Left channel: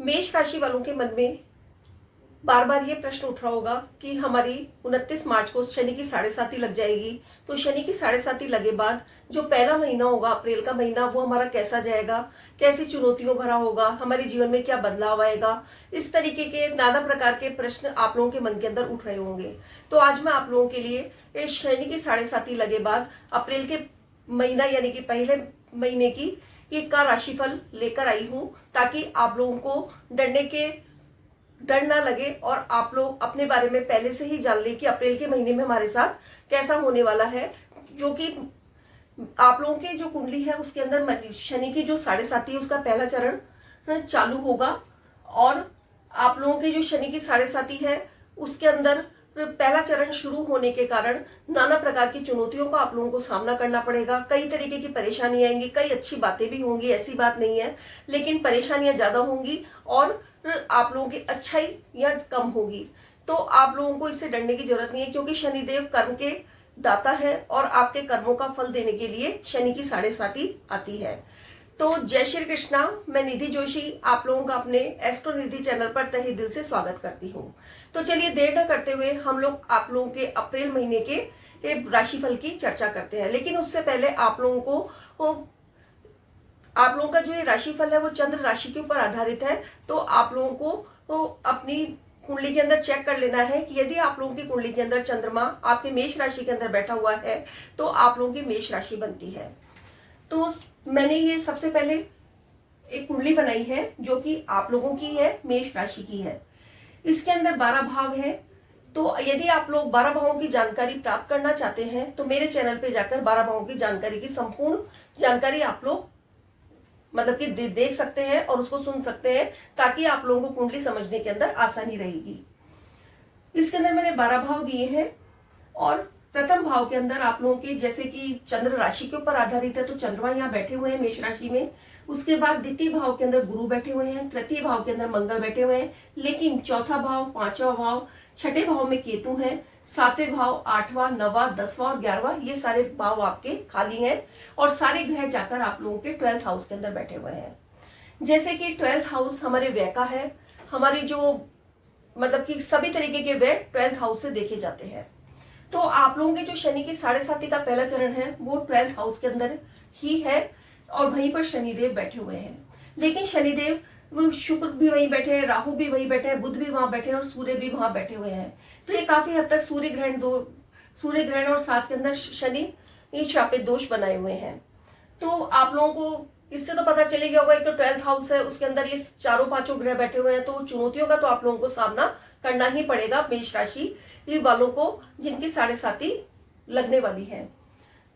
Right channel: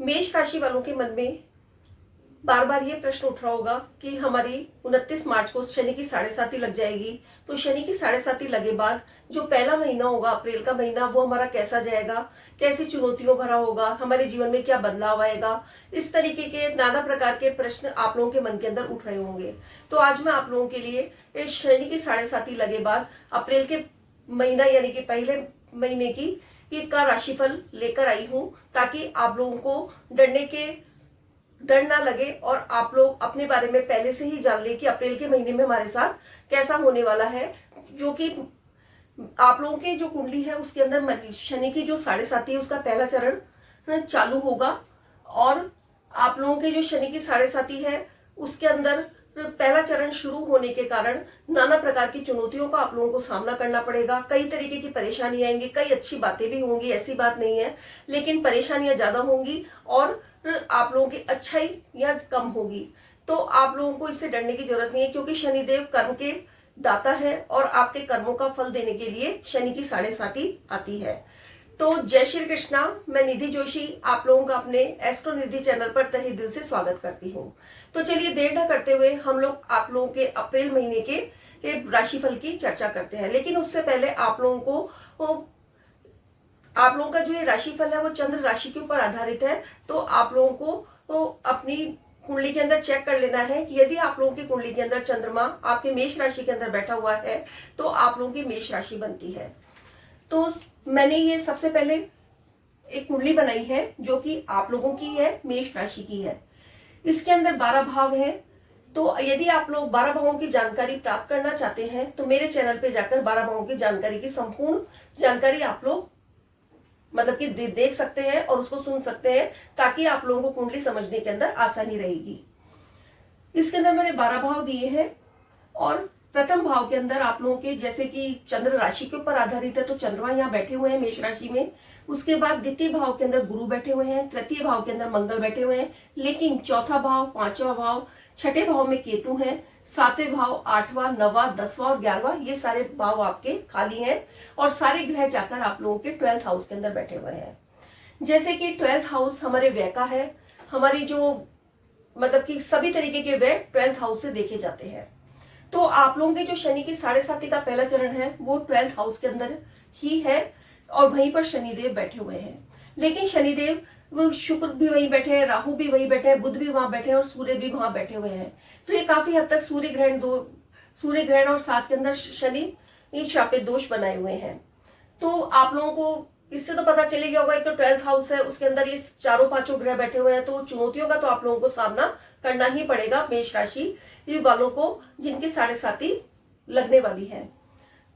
मेष राशि वालों के मन में बार बार ये प्रश्न उठ रहा होगा कि हमारी 29 मार्च को शनि की 7.5 लग जाएगी। तो शनि की 7.5 लगे बाद जो पहला महीना होगा, अप्रैल का महीना, वो हमारा कैसा जाएगा, कैसी चुनौतियों भरा होगा, हमारे जीवन में क्या बदलाव आएगा। इस तरीके के नाना प्रकार के प्रश्न आप लोगों के मन के अंदर उठ रहे होंगे। तो आज मैं आप लोगों के लिए इस शनि की 7.5 लगे बाद अप्रैल के महीना यानी कि पहले महीने की का राशिफल लेकर आई हूं, ताकि आप लोगों को डर ना लगे और आप लोग अपने बारे में पहले से ही जान ले कि अप्रैल के महीने में हमारे साथ कैसा होने वाला है। जो कि आप लोगों के जो कुंडली है उसके अंदर शनि की जो 7.5 है उसका पहला चरण चालू होगा, और आप लोगों के जो शनि की 7.5 है उसके अंदर पहला चरण शुरू होने के कारण नाना प्रकार की चुनौतियों का आप लोगों को सामना करना पड़ेगा। कई तरीके की परेशानी आएंगी, कई अच्छी बातें भी होंगी, ऐसी बात नहीं है, लेकिन परेशानियां ज्यादा होंगी और आप लोगों की अच्छाई या कम होगी। तो आप लोगों को इससे डरने की जरूरत नहीं है, क्योंकि शनिदेव कर्म के दाता है और आपके कर्मों का फल देने के लिए शनि की 7.5 आती है। तो जय श्री कृष्णा, मैं निधि जोशी आप लोगों का अपने एस्ट्रो निधि चैनल पर तहे दिल से स्वागत करती हूँ। तो चलिए देर न करते हुए हम लोग आप लोगों के अप्रैल महीने के राशिफल की चर्चा करते हैं। लेकिन उससे पहले आप लोगों का जो ये राशिफल है वो चंद्र राशि के ऊपर आधारित है। तो आप लोगों को अपनी कुंडली के अंदर चेक कर लेना है कि यदि आप लोगों की कुंडली के अंदर चंद्रमा आपके मेष राशि के अंदर बैठा हुआ है तो आप लोगों की मेष राशि बनती है। तो मैंने ये सबसे पहले एक कुंडली बनाई है जो कि आप लोगों की है, मेष राशि की है। इसके अंदर 12 भाव है। तो यदि आप लोग 12 भावों की जानकारी प्राप्त करना चाहते हैं तो मेरे चैनल पे जाकर 12 भावों की जानकारी की संपूर्ण जानकारी आप लोग मतलब कि देख सकते हैं और उसको सुन सकते हैं, ताकि आप लोगों को कुंडली समझने के अंदर आसानी रहेगी। इसके अंदर मैंने 12 भाव दिए हैं, और प्रथम भाव के अंदर आप लोगों के जैसे कि चंद्र राशि के ऊपर आधारित है तो चंद्रमा यहाँ बैठे हुए हैं मेष राशि में। उसके बाद द्वितीय भाव के अंदर गुरु बैठे हुए हैं, तृतीय भाव के अंदर मंगल बैठे हुए हैं, लेकिन चौथा भाव, पांचवा भाव, छठे भाव में केतु है, सातवें भाव, 8वां, 9वां, 10वां और 11वां ये सारे भाव आपके खाली हैं, और सारे ग्रह जाकर आप लोगों के 12th हाउस के अंदर बैठे हुए हैं। जैसे कि 12th हाउस हमारे व्यय का है, हमारी जो मतलब कि सभी तरीके के व्यय 12th हाउस से देखे जाते हैं। तो आप लोगों के जो शनि की 7.5 का पहला चरण है वो 12th हाउस के अंदर ही है, और वहीं पर शनिदेव बैठे हुए हैं। लेकिन शनिदेव वो शुक्र भी वहीं बैठे हैं, राहु भी वहीं बैठे हैं, बुध भी वहां बैठे हैं और सूर्य भी वहां बैठे हुए हैं। तो ये काफी हद तक सूर्य ग्रहण और साथ के अंदर शनि शापित दोष बनाए हुए हैं। तो आप लोगों को इससे तो पता चलेगा होगा, एक तो 12th हाउस है, उसके अंदर ये चारों पांचों ग्रह बैठे हुए हैं, तो चुनौतियों का तो आप लोगों को सामना करना ही पड़ेगा मेष राशि वालों को जिनकी 7.5 लगने वाली है।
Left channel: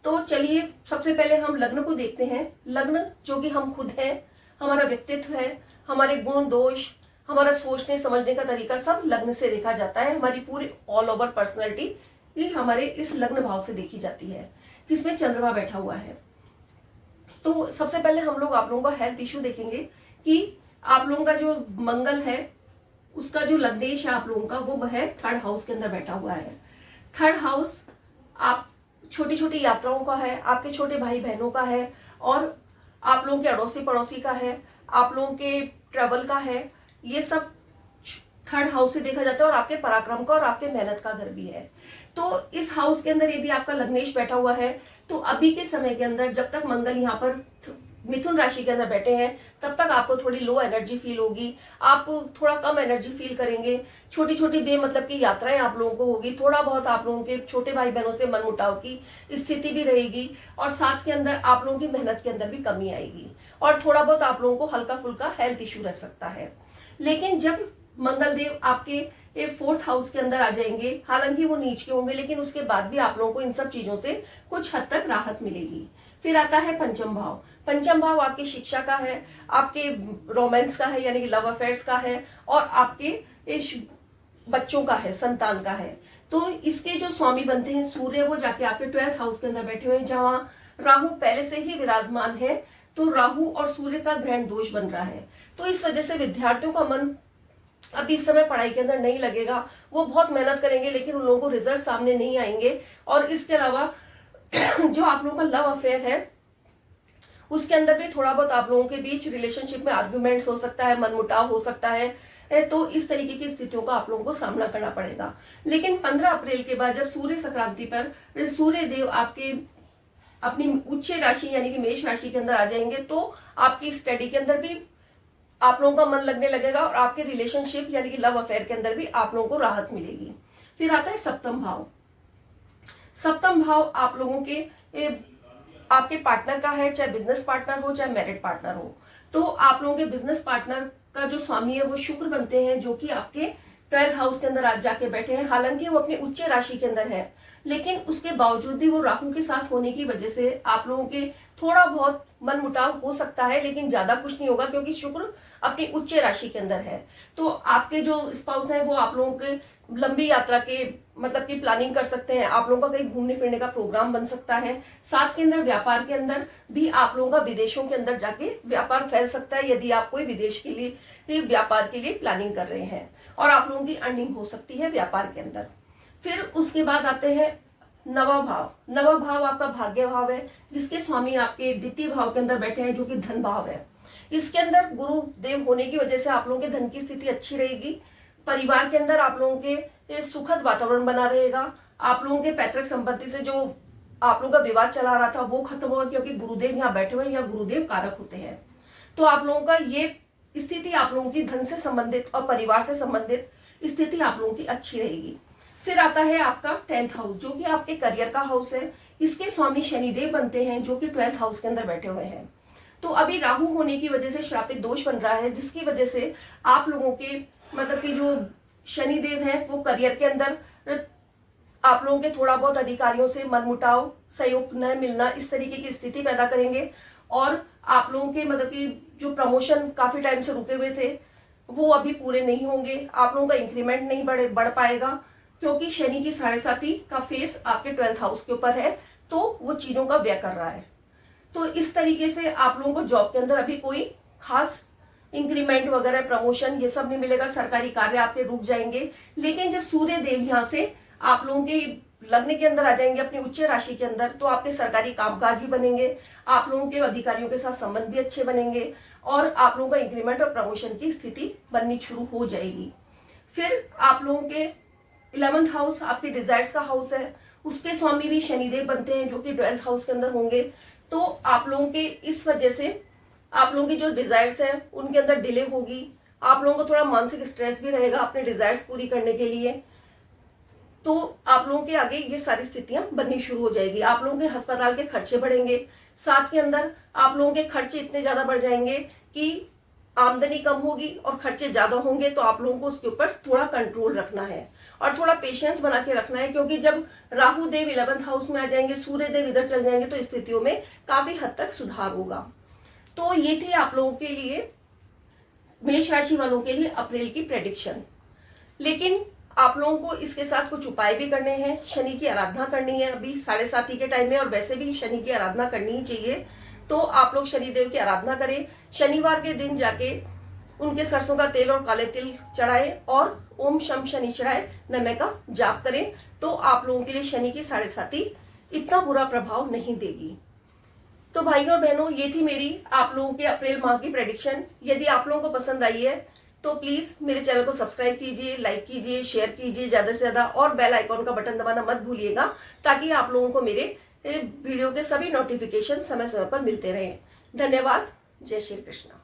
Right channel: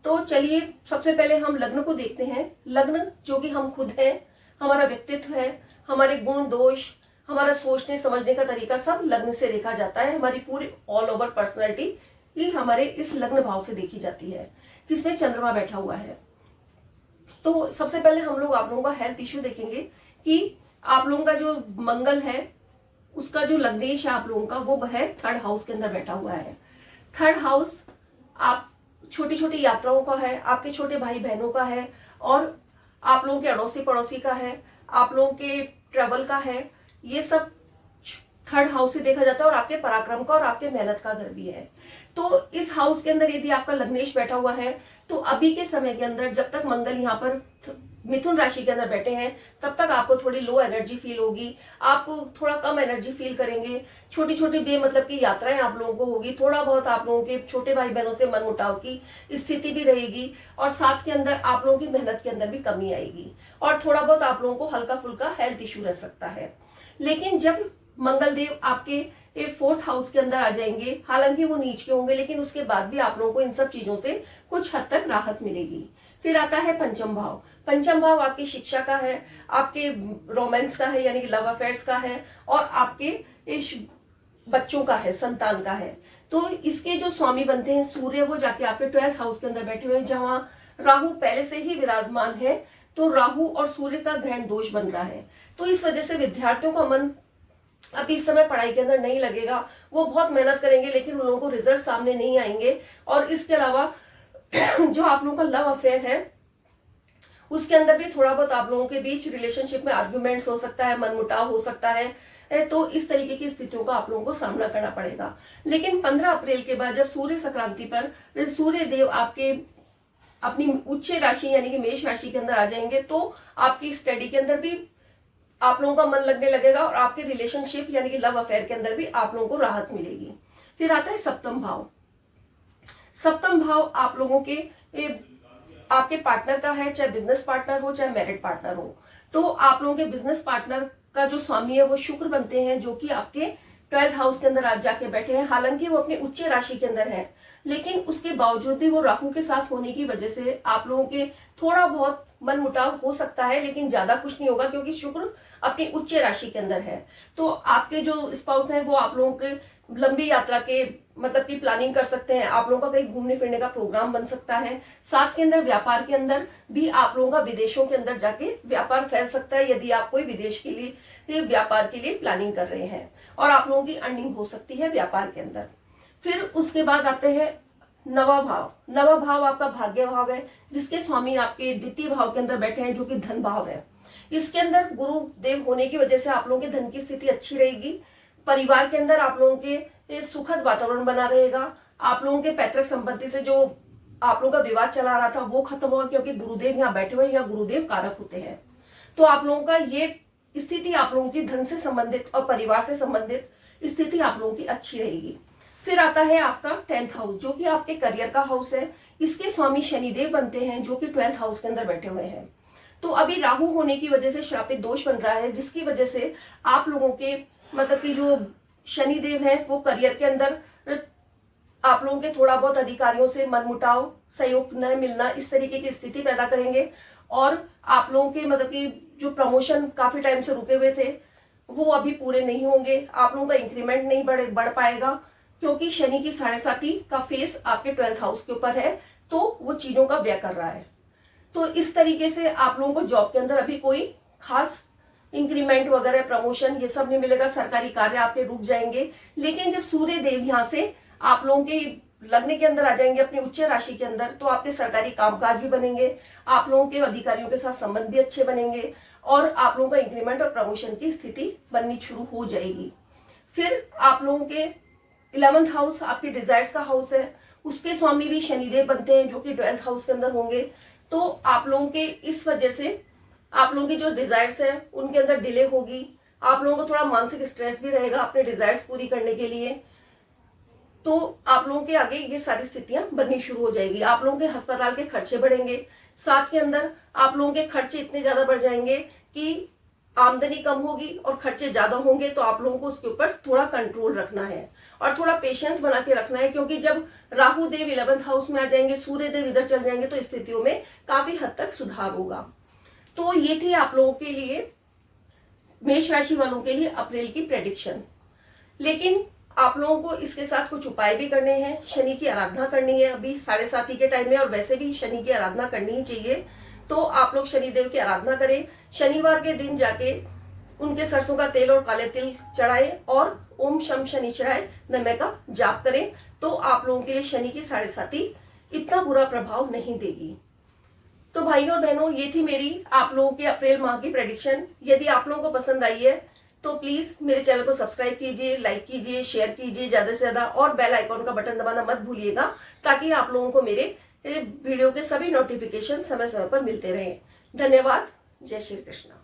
तो चलिए सबसे पहले हम लग्न को देखते हैं। लग्न जो कि हम खुद हैं, हमारा व्यक्तित्व है, हमारे गुण दोष, हमारा सोचने समझने का तरीका सब लग्न से देखा जाता है। हमारी पूरी ऑल ओवर पर्सनैलिटी ये हमारे इस लग्न भाव से देखी जाती है, जिसमें चंद्रमा बैठा हुआ है। तो सबसे पहले हम लोग आप लोगों का हेल्थ इश्यू देखेंगे कि आप लोगों का जो मंगल है उसका जो लग्नेश है आप लोगों का वो है 3rd हाउस के अंदर बैठा हुआ है। 3rd हाउस आप छोटी छोटी यात्राओं का है, आपके छोटे भाई बहनों का है, और आप लोगों के अड़ोसी पड़ोसी का है, आप लोगों के ट्रेवल का है। ये सब 3rd हाउस से देखा जाता है, और आपके पराक्रम का और आपके मेहनत का घर भी है। तो इस हाउस के अंदर यदि आपका लग्नेश बैठा हुआ है तो अभी के समय के अंदर जब तक मंगल यहाँ पर मिथुन राशि के अंदर बैठे हैं तब तक आपको थोड़ी लो एनर्जी फील होगी, आप थोड़ा कम एनर्जी फील करेंगे, छोटी छोटी बेमतलब की यात्राएं आप लोगों को होगी, थोड़ा बहुत आप लोगों के छोटे भाई बहनों से मनमुटाव की स्थिति भी रहेगी, और साथ के अंदर आप लोगों की मेहनत के अंदर भी कमी आएगी, और थोड़ा बहुत आप लोगों को हल्का फुल्का हेल्थ इश्यू रह सकता है। लेकिन जब मंगल देव आपके 4th हाउस के अंदर आ जाएंगे, हालांकि वो नीच के होंगे, लेकिन उसके बाद भी आप लोगों को इन सब चीजों से कुछ हद तक राहत मिलेगी। फिर आता है पंचम भाव। पंचम भाव आपकी शिक्षा का है, आपके रोमांस का है यानी कि लव अफेयर्स का है, और आपके बच्चों का है, संतान का है। तो इसके जो स्वामी बनते हैं सूर्य, वो जाके आपके 12th हाउस के अंदर बैठे हुए हैं, जहां राहु पहले से ही विराजमान है। तो राहु और सूर्य का ग्रहण दोष बन रहा है। तो इस वजह से विद्यार्थियों का मन अब इस समय पढ़ाई के अंदर नहीं लगेगा, वो बहुत मेहनत करेंगे लेकिन उन लोगों को रिजल्ट सामने नहीं आएंगे। और इसके अलावा जो आप लोगों का लव अफेयर है उसके अंदर भी थोड़ा बहुत आप लोगों के बीच रिलेशनशिप में आर्ग्यूमेंट्स हो सकता है, मनमुटाव हो सकता है। तो इस तरीके की स्थितियों का आप लोगों को सामना करना पड़ेगा। लेकिन 15 अप्रैल के बाद जब सूर्य संक्रांति पर सूर्य देव आपके अपनी उच्च राशि यानी कि मेष राशि के अंदर आ जाएंगे, तो आपकी स्टडी के अंदर भी आप लोगों का मन लगने लगेगा और आपके रिलेशनशिप यानी कि लव अफेयर के अंदर भी आप लोगों को राहत मिलेगी। फिर आता है सप्तम भाव। सप्तम भाव आप लोगों के आपके पार्टनर का है, चाहे बिजनेस पार्टनर हो चाहे मैरिड पार्टनर हो। तो आप लोगों के बिजनेस पार्टनर का जो स्वामी है वो शुक्र बनते हैं, जो कि आपके 12th हाउस के अंदर आज जाके बैठे हैं। हालांकि वो अपने उच्च राशि के अंदर है, लेकिन उसके बावजूद भी वो राहु के साथ होने की वजह से आप लोगों के थोड़ा बहुत मन मुटाव हो सकता है, लेकिन ज्यादा कुछ नहीं होगा, क्योंकि शुक्र अपनी उच्च राशि के अंदर है। तो आपके जो स्पाउस हैं वो आप लोगों के लंबी यात्रा के मतलब की प्लानिंग कर सकते हैं। आप लोगों का कहीं घूमने फिरने का प्रोग्राम बन सकता है। साथ के अंदर व्यापार के अंदर भी आप लोगों का विदेशों के अंदर जाके व्यापार फैल सकता है, यदि आप कोई विदेश के लिए व्यापार के लिए प्लानिंग कर रहे हैं, और आप लोगों की अर्निंग हो सकती है व्यापार के अंदर। फिर उसके बाद आते हैं नवा भाव। नवा भाव आपका भाग्य भाव है, जिसके स्वामी आपके द्वितीय भाव के अंदर बैठे हैं, जो कि धन भाव है। इसके अंदर गुरु देव होने की वजह से आप लोगों के धन की स्थिति अच्छी रहेगी। परिवार के अंदर आप लोगों के सुखद वातावरण बना रहेगा। आप लोगों के पैतृक संपत्ति से जो आप लोगों का विवाद चला रहा था वो खत्म होगा, क्योंकि गुरुदेव यहाँ बैठे हुए, यहाँ गुरुदेव कारक होते हैं। तो आप लोगों का ये स्थिति आप लोगों की धन से संबंधित और परिवार से संबंधित स्थिति आप लोगों की अच्छी रहेगी। फिर आता है आपका 10th हाउस, जो कि आपके करियर का हाउस है। इसके स्वामी शनिदेव बनते हैं, जो कि 12th हाउस के अंदर बैठे हुए हैं। तो अभी राहु होने की वजह से श्रापित दोष बन रहा है, जिसकी वजह से आप लोगों के मतलब कि जो शनिदेव हैं वो करियर के अंदर आप लोगों के थोड़ा बहुत अधिकारियों से मनमुटाव, सहयोग न मिलना, इस तरीके की स्थिति पैदा करेंगे। और आप लोगों के मतलब कि जो प्रमोशन काफी टाइम से रुके हुए थे वो अभी पूरे नहीं होंगे। आप लोगों का इंक्रीमेंट नहीं बढ़ पाएगा, क्योंकि शनि की 7.5 का फेस आपके 12th हाउस के ऊपर है, तो वो चीजों का व्यय कर रहा है। तो इस तरीके से आप लोगों को जॉब के अंदर अभी कोई खास इंक्रीमेंट वगैरह, प्रमोशन, ये सब नहीं मिलेगा। सरकारी कार्य आपके रुक जाएंगे। लेकिन जब सूर्य देव यहाँ से आप लोगों के लग्न के अंदर आ जाएंगे, अपनी उच्च राशि के अंदर, तो आपके सरकारी कामकाज भी बनेंगे, आप लोगों के अधिकारियों के साथ संबंध भी अच्छे बनेंगे, और आप लोगों का इंक्रीमेंट और प्रमोशन की स्थिति बननी शुरू हो जाएगी। फिर आप लोगों के 11th हाउस आपके डिजायर्स का हाउस है। उसके स्वामी भी शनिदेव बनते हैं, जो कि 12th हाउस के अंदर होंगे। तो आप लोगों के इस वजह से आप लोगों की जो डिजायर्स है उनके अंदर डिले होगी। आप लोगों को थोड़ा मानसिक स्ट्रेस भी रहेगा अपने डिजायर्स पूरी करने के लिए। तो आप लोगों के आगे ये सारी स्थितियां बननी शुरू हो जाएगी। आप लोगों के अस्पताल के खर्चे बढ़ेंगे। साथ के अंदर आप लोगों के खर्चे इतने ज्यादा बढ़ जाएंगे कि आमदनी कम होगी और खर्चे ज्यादा होंगे। तो आप लोगों को उसके ऊपर थोड़ा कंट्रोल रखना है और थोड़ा पेशेंस बना के रखना है, क्योंकि जब राहु देव 11th हाउस में आ जाएंगे, सूर्य देव इधर चल जाएंगे, तो स्थितियों में काफी हद तक सुधार होगा। तो ये थी आप लोगों के लिए, मेष राशि वालों के लिए अप्रैल की प्रेडिक्शन। लेकिन आप लोगों को इसके साथ कुछ उपाय भी करने हैं। शनि की आराधना करनी है अभी 7:30 के टाइम में, और वैसे भी शनि की आराधना करनी ही चाहिए। तो आप लोग शनिदेव की आराधना करें। शनिवार के दिन जाके उनके सरसों का तेल और काले तिल चढ़ाएं और ओम शम शनिश्चराय नमः का जाप करें। तो आप लोगों के लिए शनि की 7:30 इतना बुरा प्रभाव नहीं देगी। तो भाइयों और बहनों, ये थी मेरी आप लोगों के अप्रैल माह की प्रेडिक्शन। यदि आप लोगों को पसंद आई है तो प्लीज मेरे चैनल को सब्सक्राइब कीजिए, लाइक कीजिए, शेयर कीजिए ज्यादा से ज्यादा, और बेल आइकॉन का बटन दबाना मत भूलिएगा, ताकि आप लोगों को मेरे वीडियो के सभी नोटिफिकेशन समय समय पर मिलते रहें। धन्यवाद। जय श्री कृष्ण।